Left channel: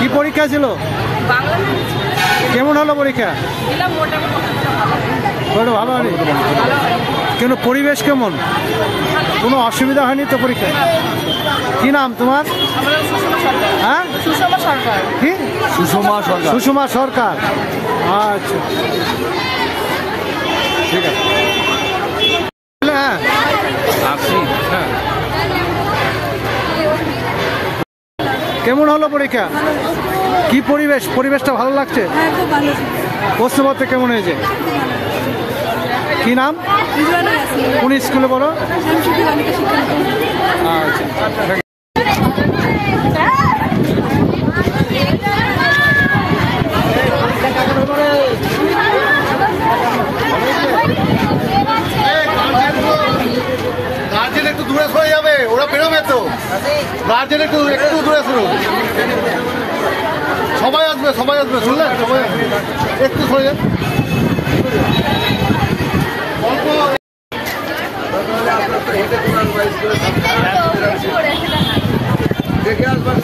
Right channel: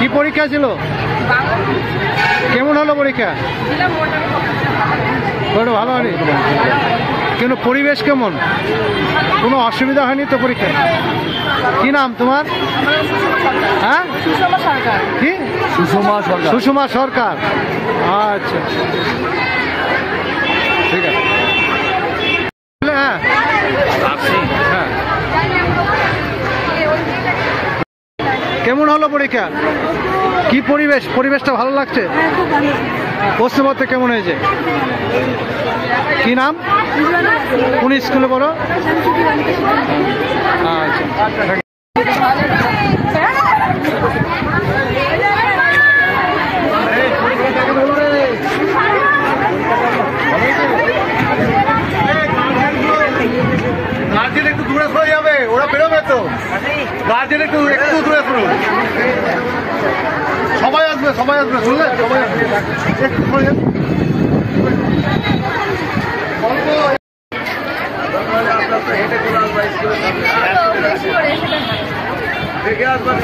কি পরীক্ষা ছিল? কেমন হলো পরীক্ষা? ভালো হয়নি? কেন, পরিবেশ কেমন? কোনো অসুবিধা হয়নি তো পরীক্ষা? কি নাম তোমার? হ্যাঁ, কি? সুষমা সরকার। আচ্ছা, ঠিক আছে। হ্যাঁ হ্যাঁ, কেমন হলো পরীক্ষা? কি পরিবেশটা ভালো লাগছে? প্রশ্নপত্র কেমন হয়েছে? কি নাম? কোন স্কুলে পড়ো? আচ্ছা, গার্জেন একটু দূরে সরে যাবে, ওরা বেরোবে তো। গার্জেন একটু দূরে সরুন। সবাই আসবে শুনলেন? একটু সরে যাবে। অল্প দেখে আসবেন।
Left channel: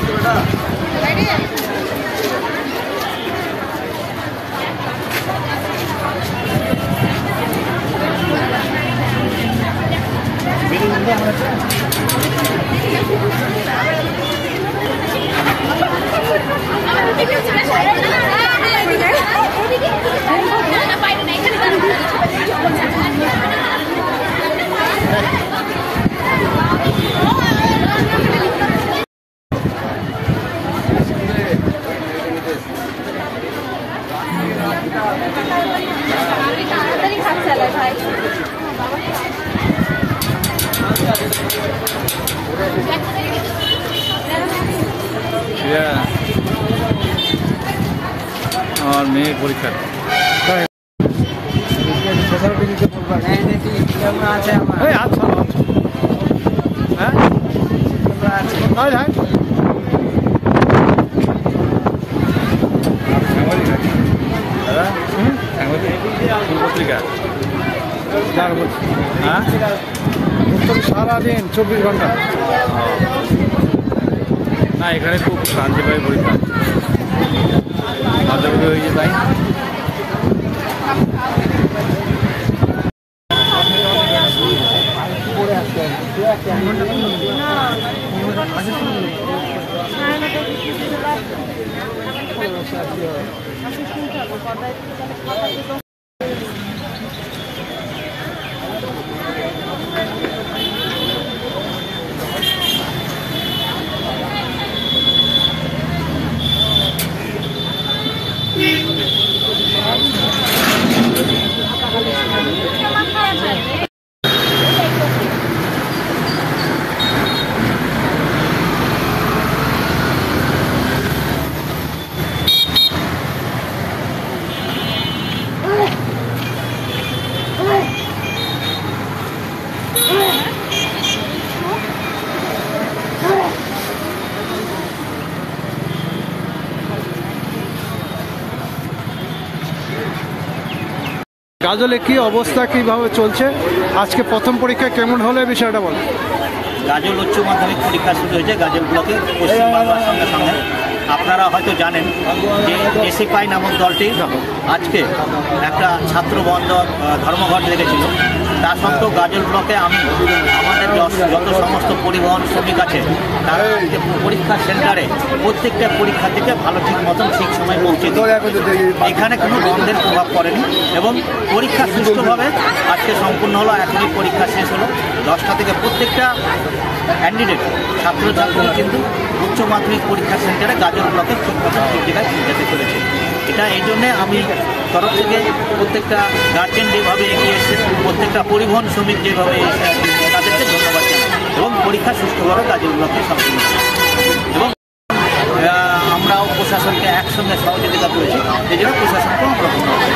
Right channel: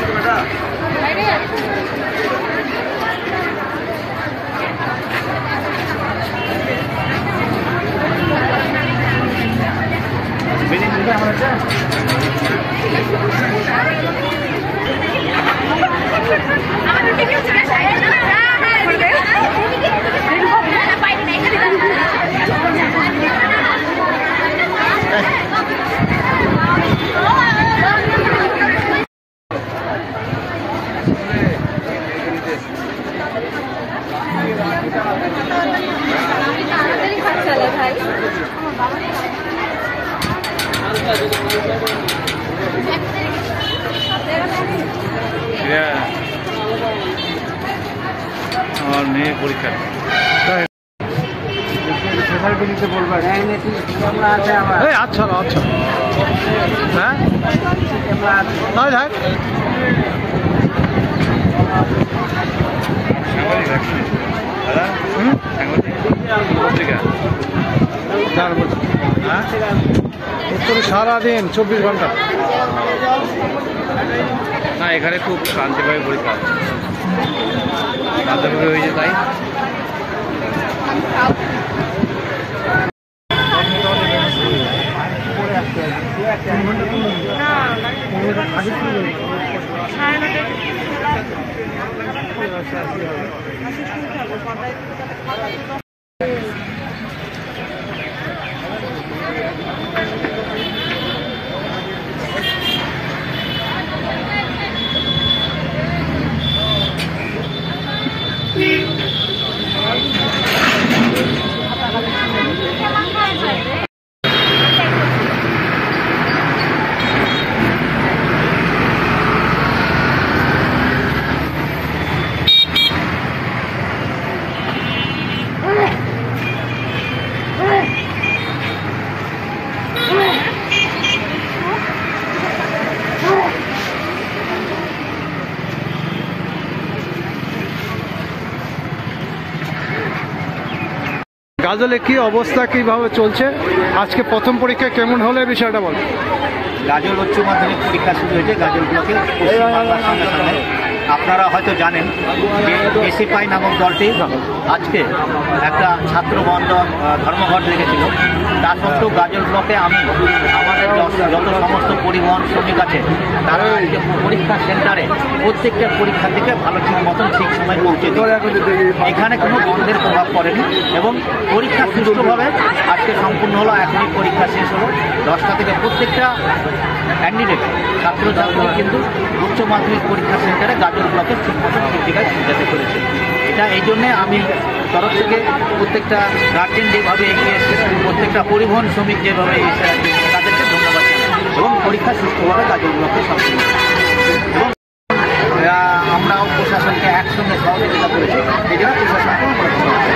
আমার মেয়ের পরীক্ষা আচ্ছা আচ্ছা, হ্যাঁ উত্তরে সারাদিন 24 ঘন্টা না, এখানে খুব শান্তি পাই পরীক্ষা হয়েছে তাই। গাজলে কি অবস্থা, কিভাবে চলছে? আজকে প্রথম পরীক্ষা কেমন হলো বিষয়টা বল। গাজল উচ্চ মাধ্যমিক পরীক্ষা শুরু হয়েছে গাজল ব্লকে পশ্চিমবাংলার সঙ্গে সঙ্গে। আপনারা হয়তো জানেন যে এসএফআই নামক দলটি আজকে একটা ছাত্র বন্ধন ধর্মঘট রেখেছিল। তা সত্ত্বেও গাজল ব্লকে আমি আমাদের যত সমস্ত পরিবহন শ্রমিক আছে তারা যে পরীক্ষা সেন্টারে প্রত্যেকটা পরীক্ষা থেকে ভালো ঠিক মতন ঠিক সময় পৌঁছে দিই। এখানে কোনো বন্ধের প্রভাব পড়েনি এবং পরীক্ষা সুষ্ঠুভাবে আজকে সম্পূর্ণ হলো। এখনই পরীক্ষা শেষ হলো 10টা থেকে। প্রত্যেকটা ক্যান্ডিডেট ছাত্রছাত্রী কিন্তু উচ্চ মাধ্যমিক পরীক্ষা সেন্টারে গাজল ব্লকে ঠিক মতন জায়গায় পৌঁছাতে পেরেছে। এটা এই জন্যে আমি তরফ থেকে প্রত্যেকটা গার্জেন যেভাবে এগিয়ে এসে, প্রত্যেকটা পরিবহন শ্রমিক যেভাবে এসে তাদেরকে ধন্যবাদ জানাই এবং পরীক্ষা সুষ্ঠুভাবে গাজল ব্লকে সম্পূর্ণ এবং আমরাও প্রশাসনকে একসঙ্গে সহযোগিতা করেছি। এই জন্য প্রশাসনকেও আমরা ধন্যবাদ।